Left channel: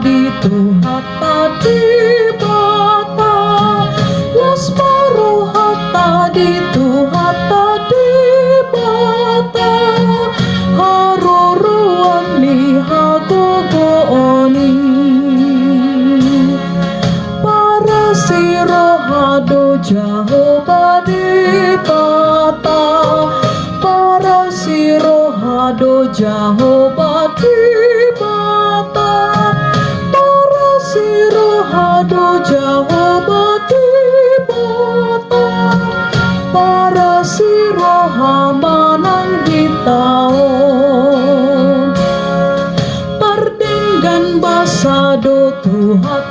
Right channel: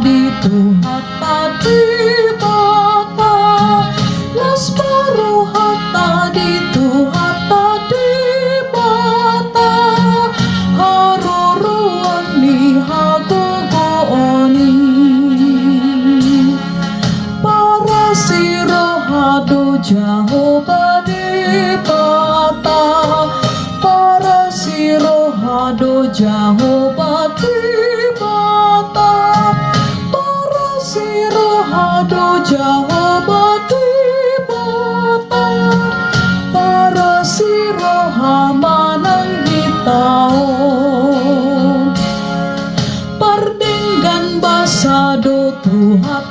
di Tuhan tadi bata las baru hatta di Tuhan tadi bata haruruan ni hagogooni para sirohado Jehovah di bata para sirohado Jehovah di bata para sirohado Jehovah di bata para sirohamanang hitaon pardinggan basado Tuhan